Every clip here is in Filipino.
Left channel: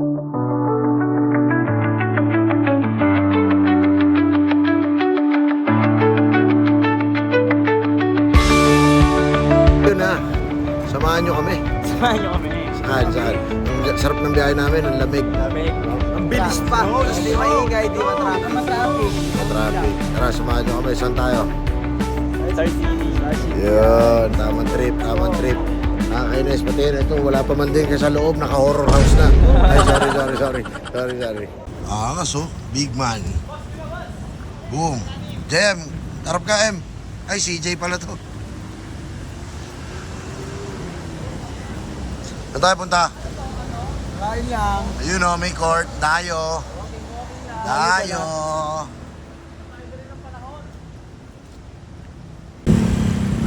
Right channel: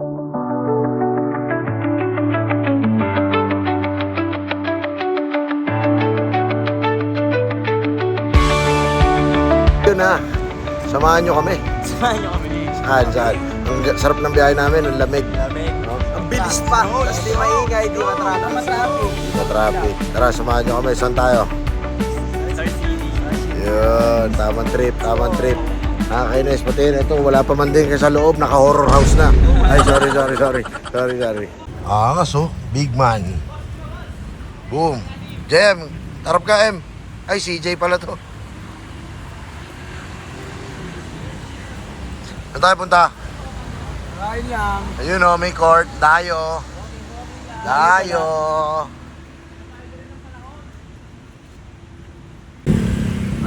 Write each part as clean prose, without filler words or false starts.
Yun na. Samahan nyo kami. Samahan nyo kami. Saan? Ang sarap ng biyahe namin, ang lamig. No? Ang bilis pa. Tapos di maingay, di matraffic. Matraffic. Tara, samahan nyo kami. Saan tayo? Yun, tamang trip. Nakakainis pati na ito. Wala pa man din kasi sa loob. Naka-horror house na. Ay, sorry. Angas oh. Big man. Boom. Jem. Tarap ka, M. Ay, CJ pala to. Saan tayo punta? Kain lang. Ayun o, may court. Dayo.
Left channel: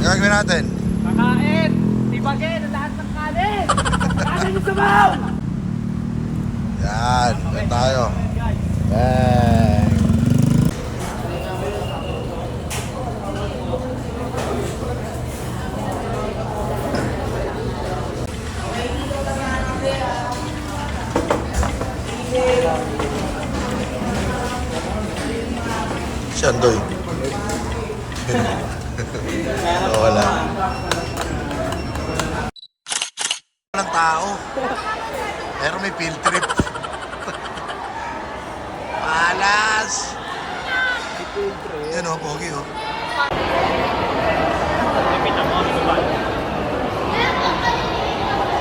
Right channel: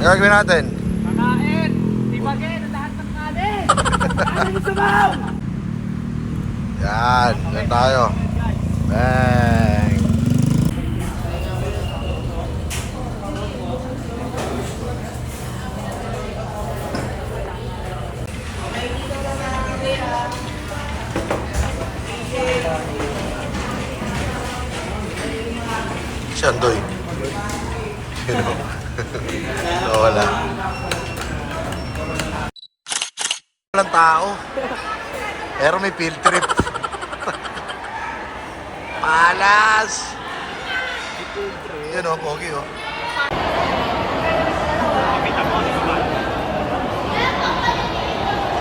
Ang gagawin natin? Kakain! Tibagin ang lahat ng kanin! Kanin yung sabaw! Yan. Yan tayo. Bang. Si Andoy. Wala. Walang tao. Pero may field trip. Palas. Yan o, pogi o.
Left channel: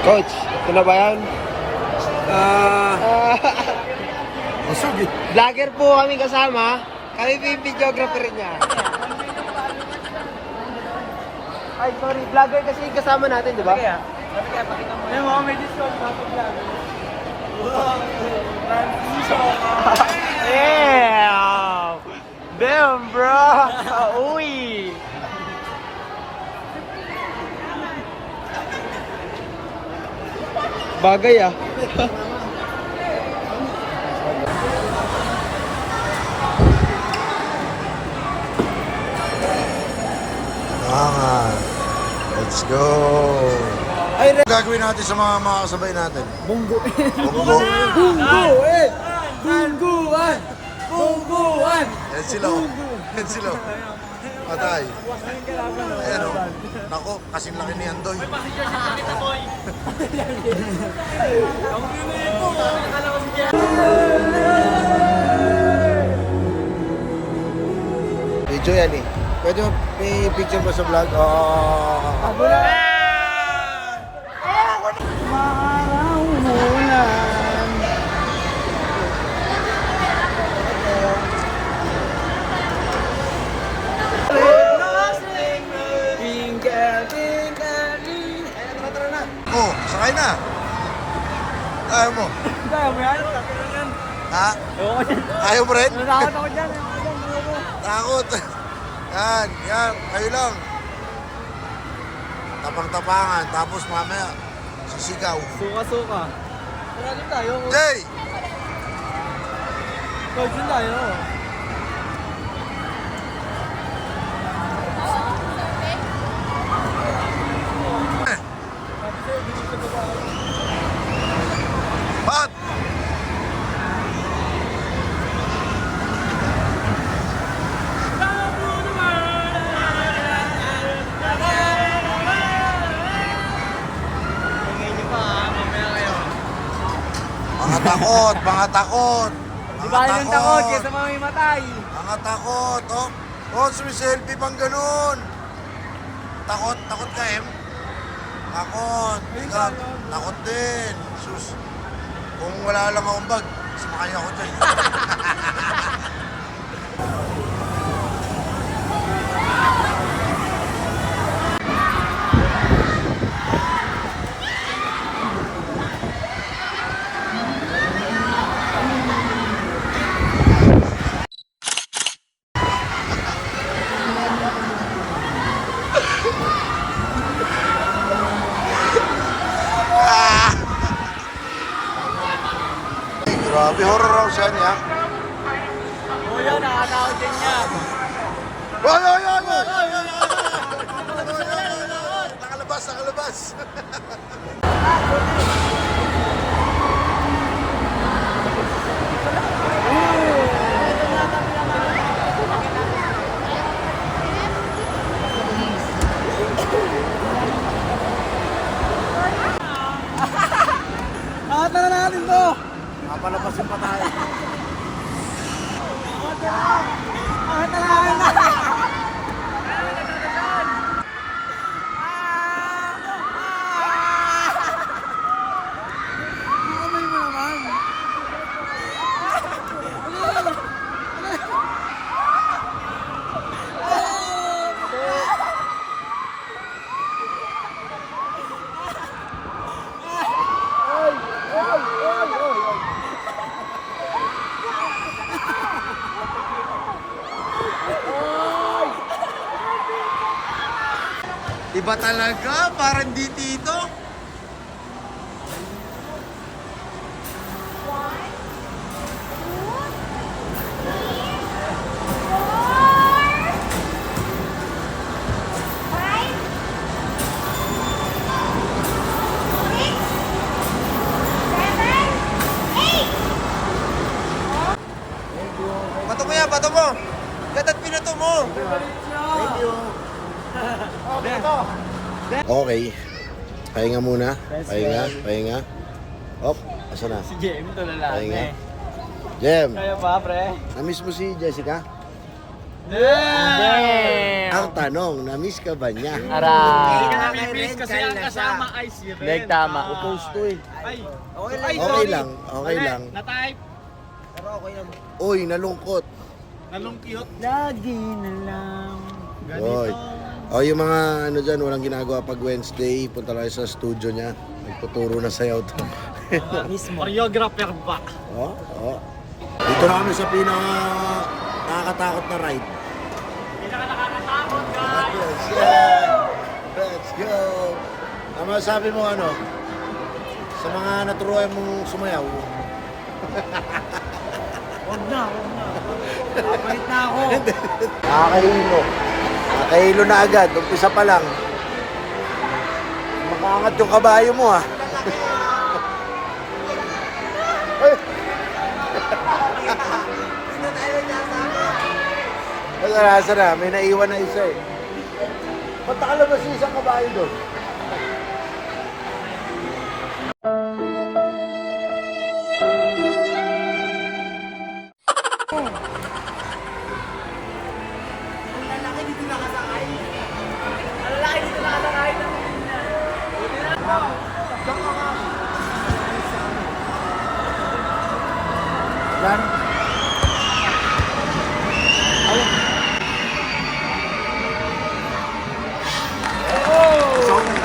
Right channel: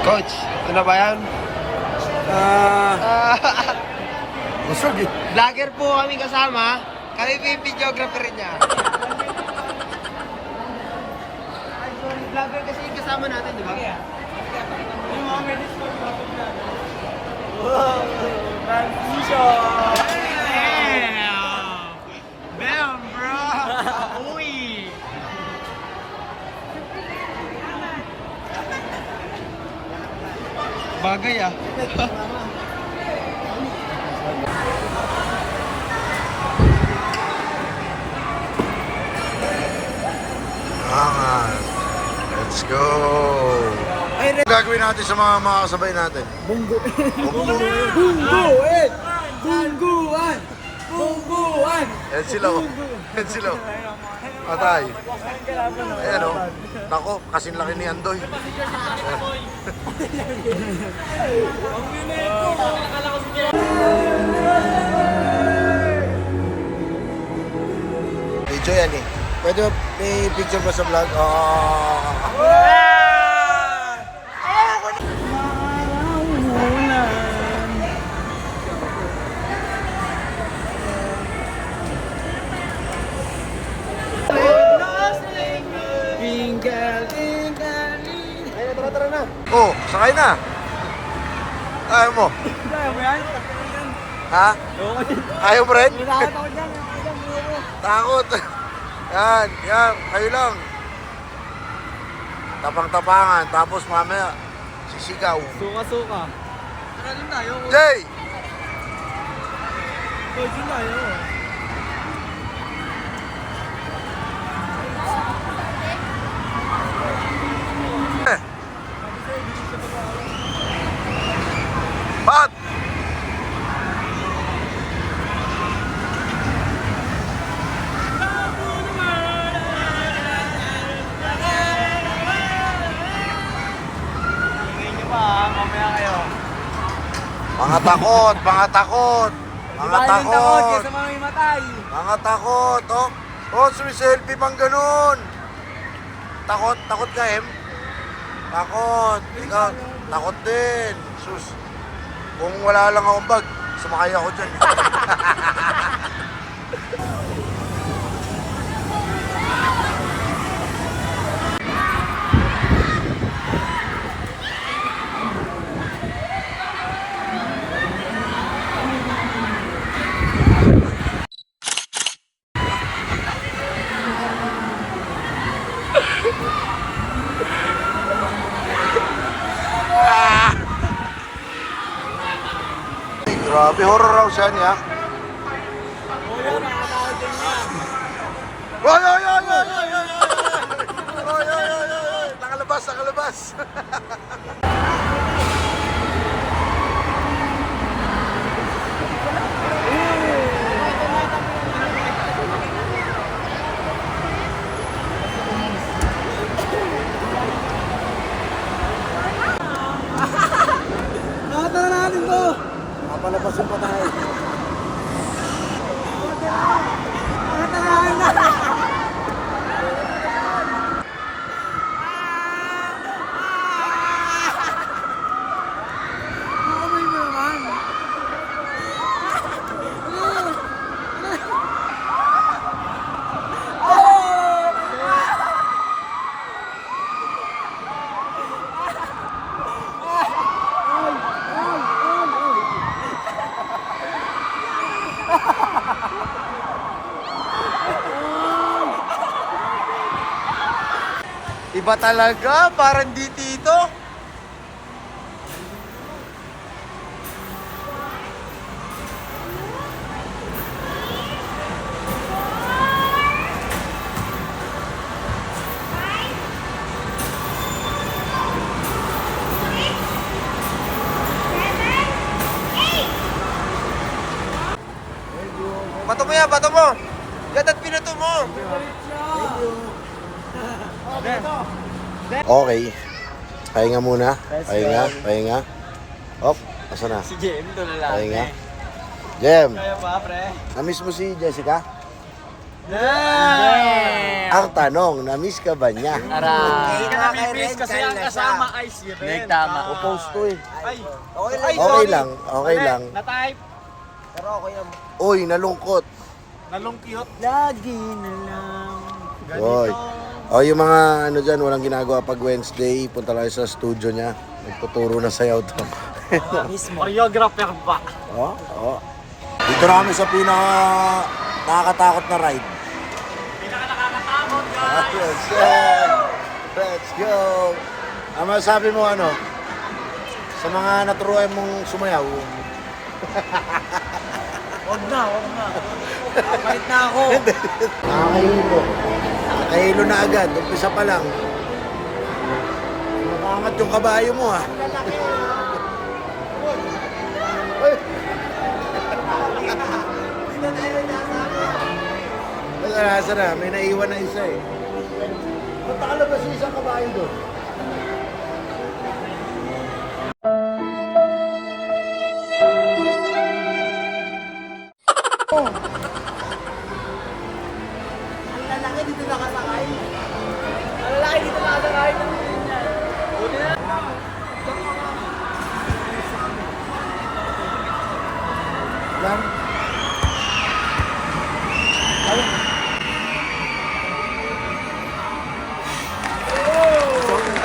Coach, ito na ba yan? Busog eh. Vlogger po kami kasama. Kami po yung videographer niya. Ay, sorry. Vlogger kasi yung kasama natin, di ba? May mga medisyon natin vlogger. Wow! Transition! Yeah! Damn, bro! Uy! Bagay ah. Let's go! Ang gagawin natin sa mga kasabay natin? Bunggo. Bunggo. Bungguan! Bungguan! Yan sila. Patay. Ayan o. Nako, kasing laki ni Andoy. Video yan eh. Pwede ba may picture ba sa vlog? Oh, sakay na. Ayaw mo? Ha? Ayaw mo rin? Takot ako dyan. Takot. Yan. Kayo lang. Tapang-tapangan. Tapos mamaya, sisigaw. Suka-suka. Jay! Coach yun tayo. Pat! Mga takot. Kesa mamimatay. Mga takot, oh. Oh, sumiselfie pang ganun. Takot ka, Em? Takot. Ikaw, takot din. Sus. Kung wala lang akong bag, sumakay ako dyan. Grabe, horror raw siya niya. Oo yun, nakakawin din niya. Oy! Nakalabas. natin to. Papalapasin pa tayo. Nakatalahan na. Amoy mo naman. Iba talaga, parang di tito. Bato mo yan, bato mo! Ganda at pinato mo! Thank you. Okay. Pahinga muna. Pahinga. Op, asa na? Si Jem, ito na lang. Pahinga. Jem, Kaya pa, pre? namiss mo si Jessica? Yeah! Ang tanong, namiss ka ba niya? Hindi ka namimiss kasi ang kasama ay si Ren. Tama, upost to eh. Ay, Okay lang, okay lang. Na-type. Pero okay naman. Uy, nalungkot. Nalungkiyot. Lagi na lang. Oy. O yung mga ano dyan, walang ginagawa pag Wednesday, punta lang sa studio niya. Nagtuturo na sayaw to. Mismo. Choreographer ba? Oo. Dito na kami sa pinaka nakakatakot na ride. Pinaka nakakatakot, guys. Let's go! Let's go! Ano sabi mo ano? Sa mga naturuan mong sumayaw? Wag na. Kapalit na ako. Nakakahilo. Nakahilo na agad. Umpisa pa lang. Makaangat yung kabayo mo ah. Ay! Nasa na, may naiwan na isa eh. Ba't nakalabas yung isang kabayo doon? Ang lalaki dito nakasakay. Ang lalaki dito nakasakay ng ganyan. Buti na. Yan.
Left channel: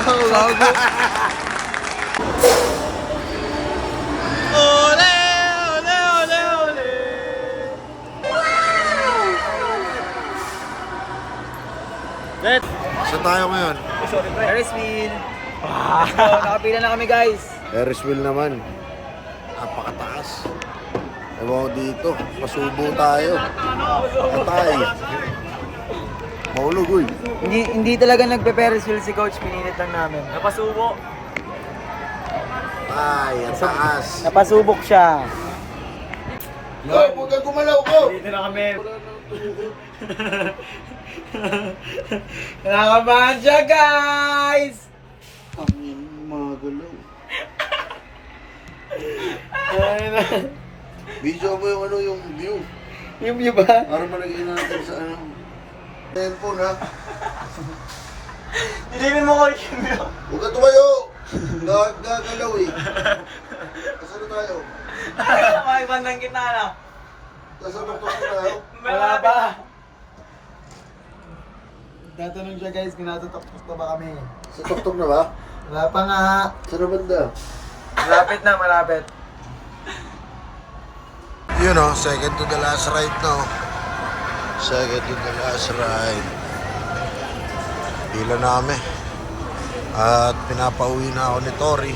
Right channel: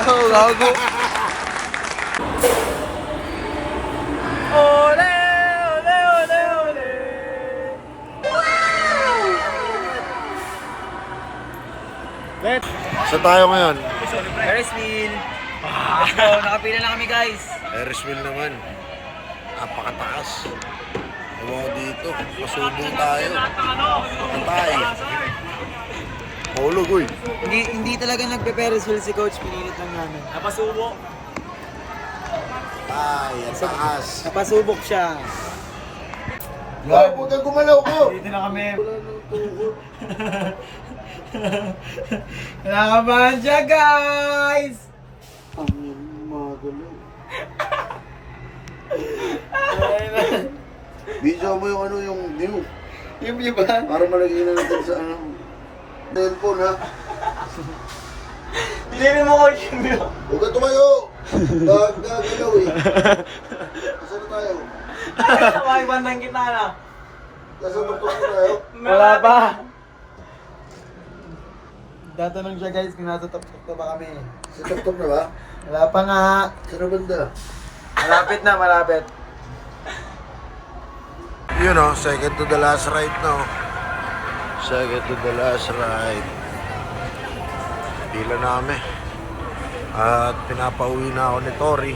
Oh, gago. Let. Saan tayo ngayon? Ferris wheel. Wow, nakapila na kami guys. Ferris wheel naman. Napakataas. Ewan ko dito. Pasubo tayo. Atay. Mahulog uy. Hindi talaga nagpe-Ferris wheel si coach, pinilit lang namin. Napasubo. Ay, ang taas. Napasubok siya. Huwag ka gumalaw ko. Dito na kami. Nakakabahan siya guys! Ang mga gulay. Video mo yung ano yung view. Yung view ba? Para malagay natin sa ano. Cellphone ha. Dilipin mo coach yung view. Huwag ka tumayo. Gagalaw eh. Saan na tayo? May bandang kita na. Nasa tuktok na tayo. Wala pa. Tatanong siya guys kung nasa top na ba kami. Sa tuktok na ba? Wala pa nga. Saan na banda? Malapit na, malapit. Yun o, second to the last ride no. Second to the last ride. Pila na kami. At pinapauwi na ako ni Tori.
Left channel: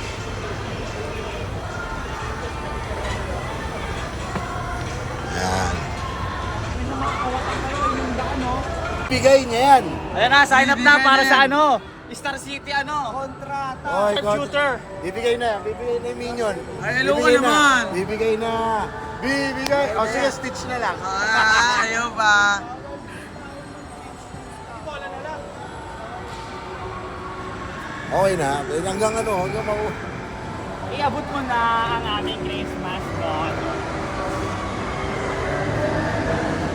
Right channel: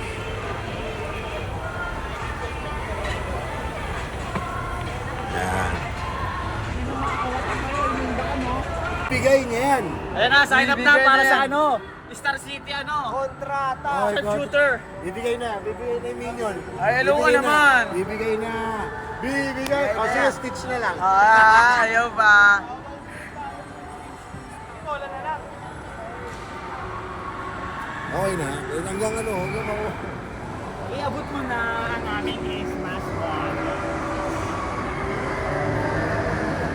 Yan. Bigay niya yan. Ayan na, sign up na para sa ano? Star City ano? Oy, Shooter. Bibigay na yung minion. Ay, hello ka Bibigay naman. Bibigay na. Bibigay. Kasi stitch na lang. Ayaw ba? Okay na. Hanggang ano, hanggang ako. Iabot mo na ang aming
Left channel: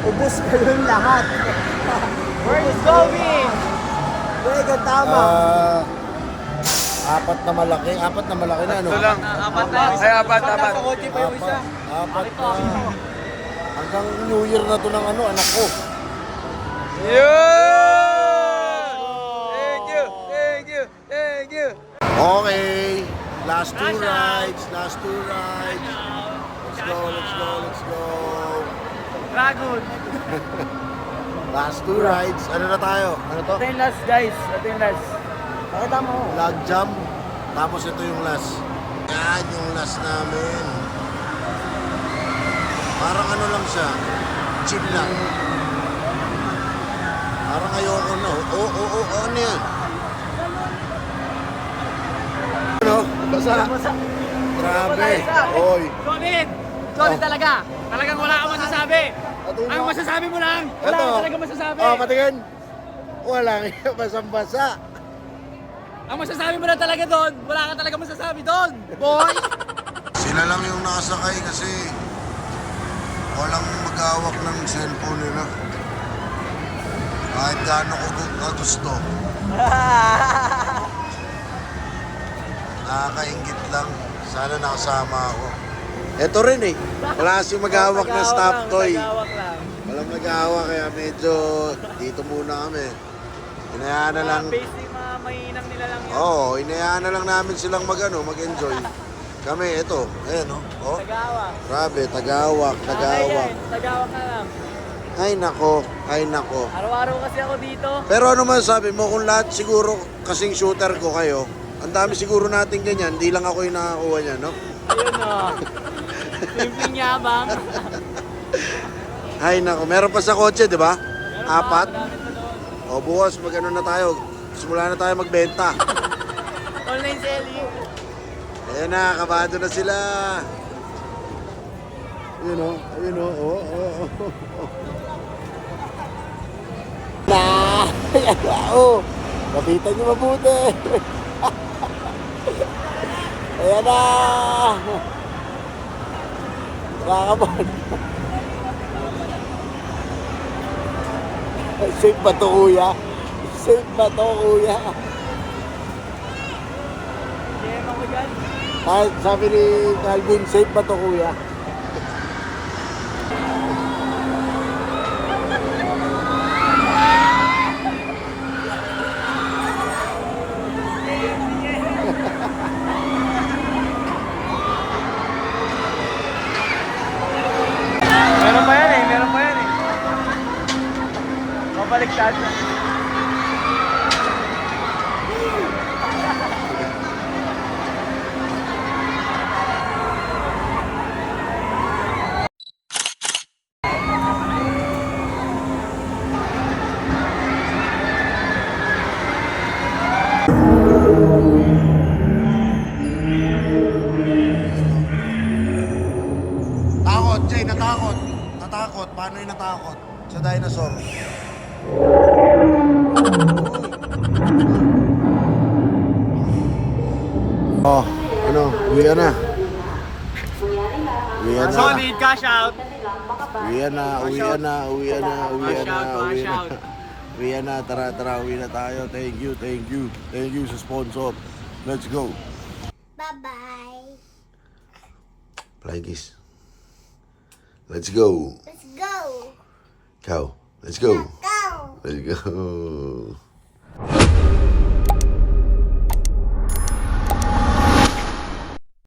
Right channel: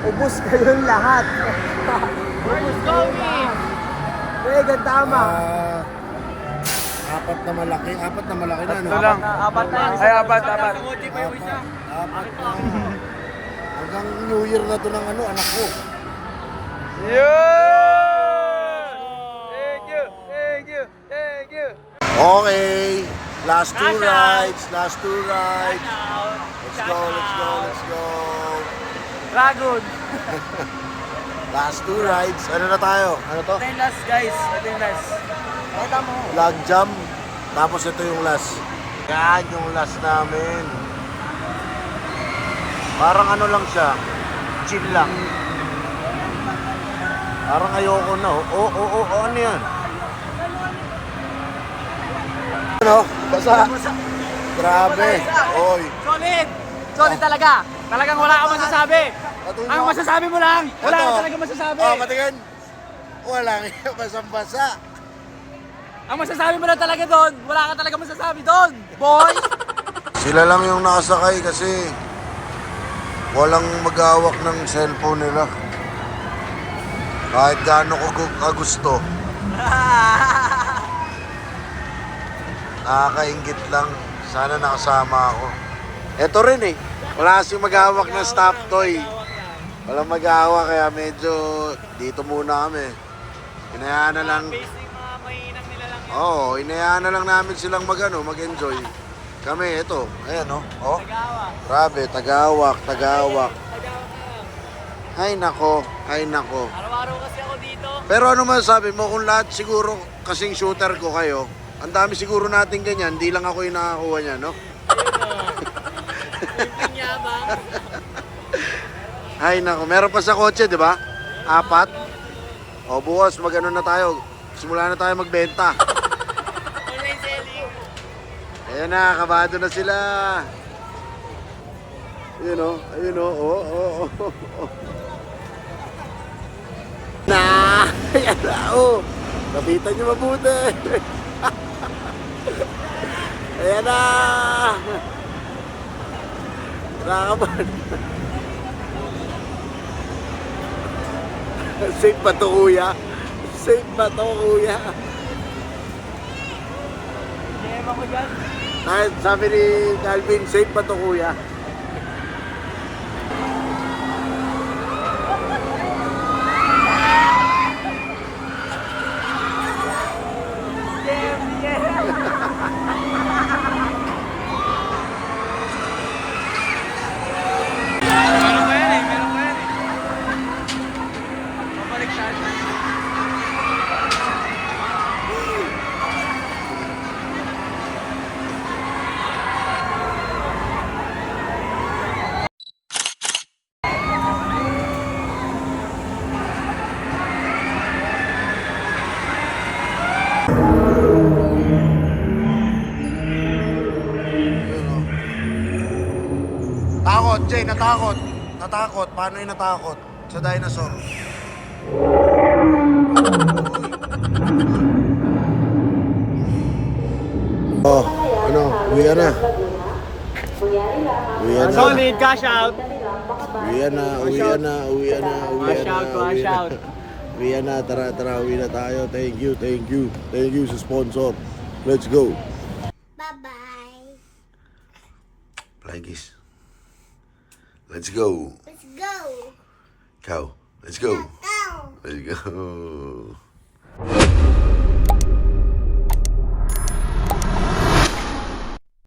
Ubus kayong lahat. Ubus kayong lahat. Wega, tama. Apat na malaki na, no? Ito lang. Apat na yan. Ay, apat. Apat na. Hanggang New Year na to ng anak ko. Yun! Thank you. Okay, last two rides. Let's go. Dragon. Last two rides. Ano na tayo? Ano to? Ito yung last, guys. Ito yung last. Pakita mo. Log jump. Tapos ito yung last. Yan yung last namin. Parang ano lang siya. Cheap lang. Parang ayoko na. Ano yun? Ano? Basa. Grabe. Oy. Solid talaga. Talagang wala kang masasabi. Ang masasabi mo lang. Wala Ito. ka talaga masasabi. Oh, patingin. Wala nga. Basang-basa. Ang masasabi mo lang talaga doon. Wala ka talaga masasabi doon. Boy. Sila lang yung nakasakay kasi walang mag-awak ng cellphone nila. Kahit gaano ko kagusto. Nakakaingit lang. Sana nakasama ako. Ito rin eh. Wala kasing mag-awak ng stop toy. Walang mag-awak kaya medyo dito muna kami. Inayaan na lang. Oo, inayaan na lang namin silang mag-enjoy. Kami, ito. Ayan, oh. Oh. Grabe, tagawak. Tagawak ka lang. Ay nako. Araw-araw kasi ako dito. Pero ano man sabi mo, kung lahat siguro kasing shooter ko kayo, ang dami siguro natin ganyan, hindi lang ako yung nakakuha niya, no? Ayun o. Simpleng yabang. Ay nako, meron pa sa kotse, di ba? 4. O bukas, mag-ano na tayo. Simula na tayo magbenta. Online selling. Ayan na, kabado na sila. Ayun o. Oh. Ayan na, oh. Kapitan niyo mabuti. Ayan na. Nakakaban. Safe ba to, kuya? Kahit sabi ni Calvin, safe ba to, kuya? Meron pa yan eh. Mabalik siya. Takot, Jay, natakot. Paano yung natakot? Sa dinosaur. Oh, uwi na. Solid, cash out. Uwi na. Cash out. Uwi na, tara, uwi na tayo. Thank you sa sponsor. Let's go. Bye-bye. Flying kiss. Let's go. Let's go. Cow. Let's go. Go. Let's go.